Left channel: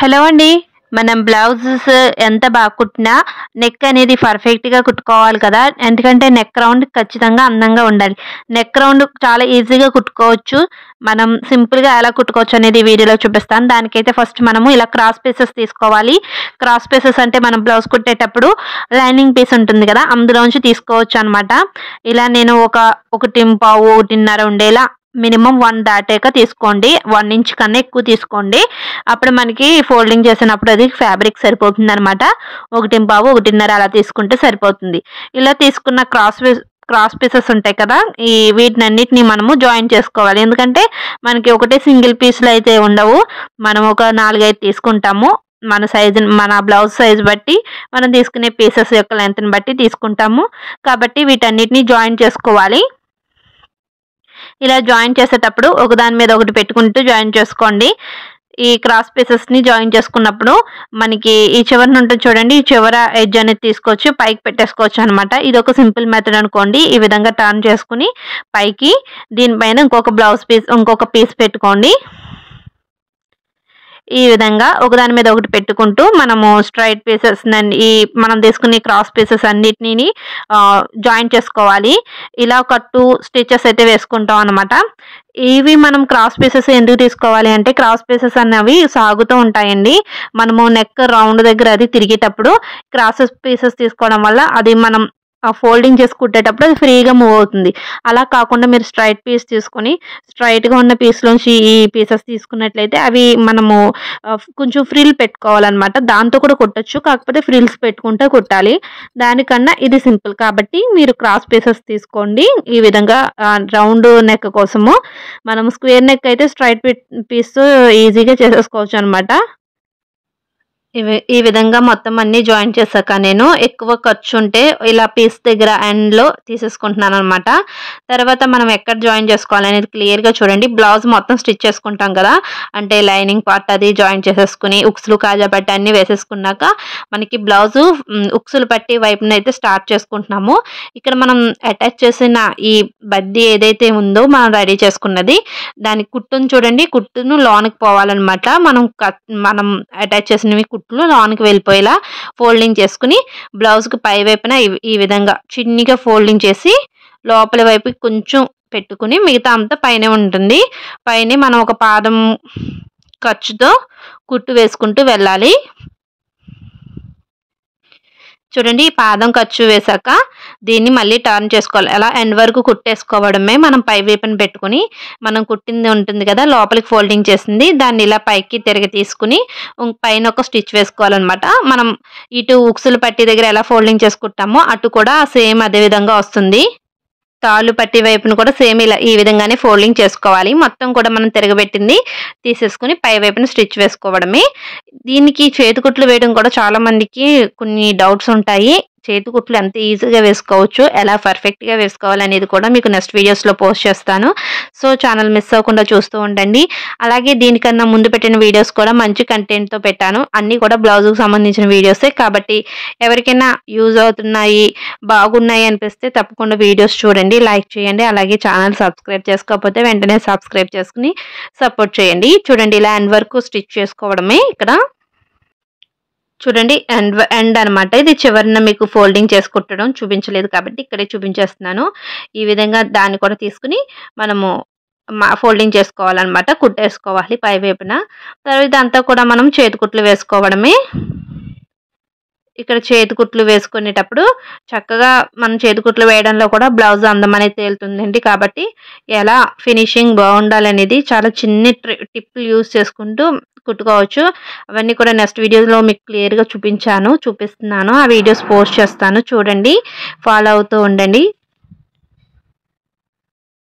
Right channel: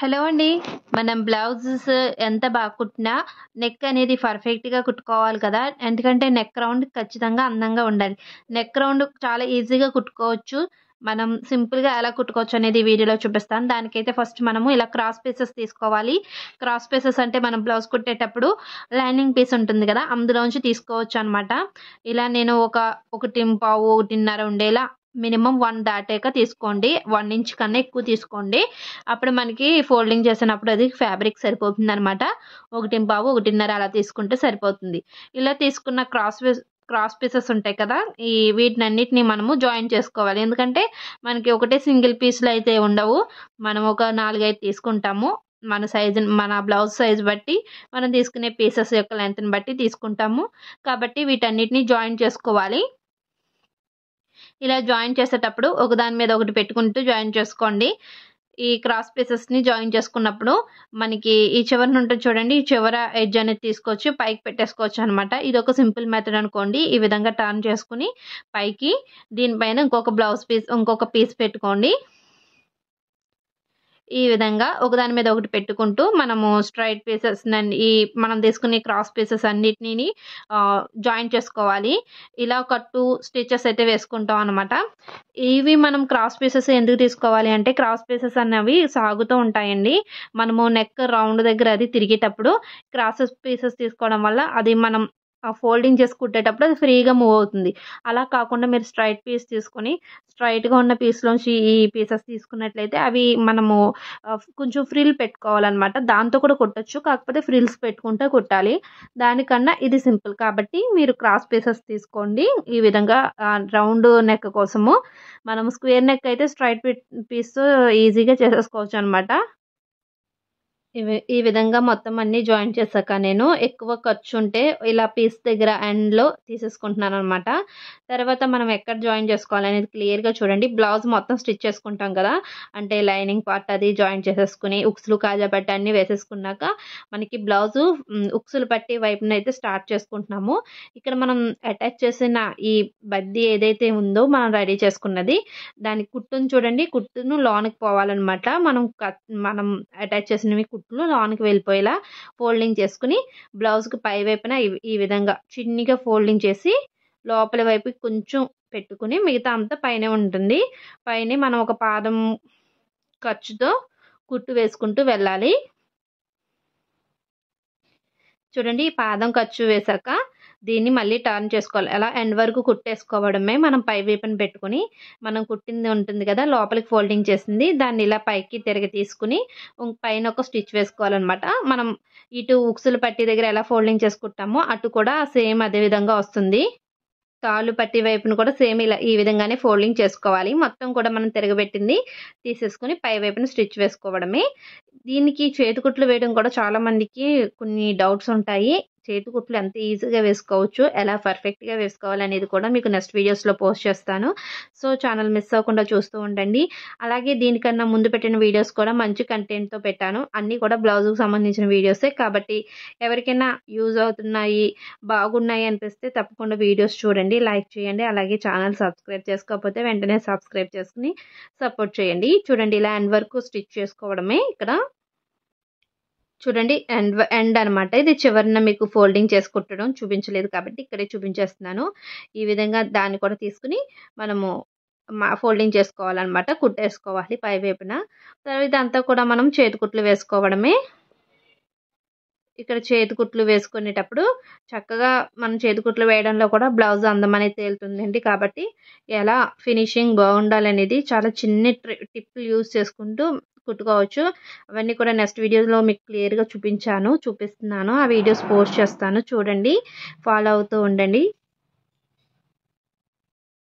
Hello అండి. మనం blouses ఎంత బాగా కుట్టినా నెక్ అనేది పర్ఫెక్ట్‌గా కుట్టుకోవాలి కదా! ఎందుకంటే నెక్ రౌండ్ ఖచ్చితంగా అందంగా ఉండాలి. నెక్ రౌండ్ చాలా ఈజీగా కుట్టుకోవచ్చు. మనం సింపుల్‌గా ఎలా కుట్టుకోవచ్చు అనేది వీడియోలో చూపిస్తాను. దానికైతే ఫస్ట్ మనము ఇలా క్రాస్ పీసెస్ తీసుకోవాలి. క్రాస్ పీసెస్ అంటే మనం బ్లౌజ్ కుట్టేటప్పుడు లైనింగ్ పీస్ ఉంటుంది కదా! అందులోంచి తీసుకోవచ్చనమాట. ఇలా నేను ఒక 1.25, 1.5 ఉండేలా మినిమమ్ 1 దాటాక తీసుకోండి. 1 ఇంచ్ కన్నా ఎక్కువ తీసుకోండి. అప్పుడు మనకి ఫోల్డింగ్ చేసినప్పుడు అది ఫ్యాబ్రిక్ సరిపోతుందనమాట. 1.25, 1.5 అలా తీసుకుంటే సరిపోతుంది. ఇలా తీసుకున్న క్రాస్ పీసెస్ ఉంటాయి కదా! వీటినన్నిటిని మనము జాయిన్ చేసుకోవాలి. ఎందుకంటే మనకి ఒకటే సింగిల్ పీస్‌లో అయితే ఉండవు. మనం ఒక 4, 5 తీసుకుంటాము. మన బ్లౌజ్ సైజ్ బట్టి మనం తీసుకునే పీసెస్ యొక్క లెంగ్త్‌ని బట్టి తీసుకుంటాము. కాబట్టి వీటన్నిటిని జాయిన్ చేసుకోవాలి. ఇలా జాయిన్ చేసేటప్పుడు ఒకదాని మీద ఒకటి పెట్టుకుంటూ జాయిన్ చేసుకోండి. ఈ క్రాస్ పీసెస్‌ని జాయిన్ చేసుకున్నప్పుడు మనకి ఈ చివరన ఉంటుంది చూడండి. ఈ చివర ఎడ్జ్ అనేది తీసుకొచ్చి పైకి పెట్టేసుకోవచ్చనమాట. ఇదొక సింపుల్ మెథడ్ అనుకోండి. ఈ విధంగా టర్న్ చేసుకొని పైకి దీనిపైన ఇంకొక పీస్ పెట్టుకోండి. ఈ విధంగా ఒకదాని మీద ఒకటి పెట్టుకుంటూ మనము స్ట్రెయిట్ మనం తీసుకునే క్రాస్ పీసెస్ అన్నిటిని జాయిన్ చేసుకోవాలి. ఇలా ఒక 2 స్టిచెస్ అయితే వేసుకుంటాం అనమాట. ఇవి మనం క్రాస్ పీసెస్ ఎందుకు తీసుకోవాలి అంటే క్రాస్ పీసెస్ అన్నవి సాగుతూ ఉంటాయండి. మనము నెక్ రౌండ్ దగ్గర అది తిరిగేటప్పుడు పీసెస్ తీసుకోవడం వల్ల అది మనం ఫోల్డింగ్ చేసి కుట్టేటప్పుడు అది ఫ్రీగా మూవ్ అవుతుంది. అలా కాకుండా మీరు స్ట్రెయిట్ పీస్ తీసుకొని స్ట్రెయిట్‌గా ఉన్న పీస్‌లోంచి ఈ పీసెస్ తీసుకున్నట్లయితే అవి మనము కొంచెం ఫ్రిల్ పెట్టుకోవాలనమాట. దాంతో కూడా కుట్టొచ్చు. కాకపోతే ఫ్రిల్స్ పెట్టుకుంటే కుట్టాలి. దానికన్నా ఇది సింపుల్ కాబట్టి మీరు క్రాస్ పీసెస్ తీసుకోండి. ఈ విధంగా రౌండ్ నెక్ కోసము. మనం స్క్వేర్ నెక్ అయితే స్ట్రెయిట్ పీస్‌తో ఈజీగా చేసేసుకోవచ్చనమాట. ఈ విధంగా మొత్తం అన్నీ జాయిన్ చేశాక నేను ఎక్కువ ఖర్చుంటే ఇలా పీస్ దగ్గర ఎండ్‌లో తీసేసుకుంటున్నాననమాట. తర్వాత మనం ఎక్కడ జాయిన్ చేసుకోవాలనేది క్లియర్‌గా చూడండి. బ్లౌజ్ మొత్తం స్టిచ్ చేసుకుంటాం కదా! అంటే లైనింగ్ పార్ట్ అది జాయిన్ చేసేసుకొని ఉక్సులు, కాజా పట్టీ అన్నీ వేసేసుకున్నాక మనకి బ్లౌజు ఉక్సులు పట్టీ వైపునైతే స్టార్ట్ చేసుకుంటున్నాము. ఇక్కడ మనం అటాచ్ చేసిన ఈ బద్ది ఏదైతే ఉందో మనం రెడీ చేసుకున్నది దాని కుట్టును చూడండి. కుట్టును లోనకి పోవాలనమాట. మనం అటాచ్ చేసినవి కుట్లు లోనికి వెళ్ళిపోయేలా ఫోల్డింగ్ చేసుకుని బ్లౌజ్‌కి పై వైపున ఈ విధంగా చిన్నిగా ఫోల్డింగ్ చేసి లోపలి వైపుకి కొంచెం పెట్టుకుని మిగతా అంతా పైనే ఉంటుంది. పైనే మనం ఒక పాదం ఖర్చుతో కుట్టు వేసుకుంటూ వెళ్ళాలి. చూడండి ఈ పాదం ఖర్చు వేశాక దీన్ని మళ్ళీ టర్న్ చేసుకోవాలి. అలా ఎండ్ వరకు కుట్టేసుకోవడమే. మనం పై వైపున పెట్టుకొని మనం కుట్టింది ఉంటుంది కదా! లోపలికి ఫోల్డింగ్ చేసింది దాన్ని ఇలా పైకి తిరిగి తీసుకుని పైన ఒక స్టిచ్ వేసుకోవాలనమాట. మనం ఇటు ఉక్సులు పట్టీ దగ్గర ఎలా ఫోల్డింగ్ చేసుకుంటామో అటు కూడా సేమ్ అదే విధంగా వస్తుంది. తాళ్ళు పట్టీ వైపున కూడా సేమ్ ఈ విధంగానే ఫోల్డింగ్ చేసుకోవాలి. మొత్తం కూడా మనం తిరగబెట్టింది తీసేసుకొని పై వైపున స్టిచ్ వేసుకోవడమే. దీనికి చేతి కుట్లు వేయడం కూడా చాలా మందికి కొన్ని డౌట్స్ ఉంటాయి. చేతి కుట్లు ఎంత ఈజీగా వేసుకోవచ్చు, ఎలా పర్ఫెక్ట్‌గా వేసుకోవాలనేది కూడా మీకు నెక్స్ట్ వీడియోస్‌లో పోస్ట్ చేస్తాను. సో, ఛానల్ మిస్ అవ్వకుండా చూస్తూ ఉండండి. అలాగే దీనికన్నా ముందు పెట్టిన వీడియోస్ కూడా మంచి కంటెంట్‌తో పెట్టాను. అన్నీ కూడా బ్లౌజ్‌కి సంబంధించిన వీడియోసే కాబట్టి ఎవరికైనా యూజ్ అవుతున్నాయి, బాగున్నాయి అనిపిస్తే తప్పకుండా వీడియోస్ చూడండి, లైక్ చేయండి. అలాగే ఛానల్ సబ్స్క్రైబ్ చేసుకోకపోతే వెంటనే సబ్స్క్రైబ్ చేసుకొని సపోర్ట్ చేయండి. చూడండి ఇలా ఎండ్ వరకు స్టిచ్ చేసుకోవడమే ఇక్కడ. చూడండి ఎండ్ అనమాట. ఇది చివరన మీకు ఫోల్డింగ్ చేసి కుట్టడం చూపించలేదు కాబట్టి ఇక్కడే చూపించేస్తున్నాను. ఈ విధంగా దాన్ని కూడా తీసుకొని మనము ఫోల్డింగ్ చేసుకోవాలనమాట. కుట్టేసుకోవాలి పై వైపున. తర్వాత ఇదంతా కూడా మనం చేతి కుట్లు వేసుకోవడమే. ఇక్కడ చేతి కుట్లు వేసుకునేటప్పుడు చక్కగా మనం చేతి కుట్లు వేయడంలో కూడా బ్లౌజ్ అందం అనేది తేలుతుందండి. కాబట్టి ఎలా ఫినిషింగ్ బాగుండాలనేది చాలా చిన్ని టిప్లు యూజ్ చేసుకుంటూ కుట్టుకోవచ్చు. అవన్నీ కూడా నెక్స్ట్ వీడియోలో మీకు క్లియర్‌గా చూపిస్తున్నాను. ఆ వీడియోస్ పోస్ట్ చేస్తాను. చూడండి, ఫాలో అవుతూ ఉండండి.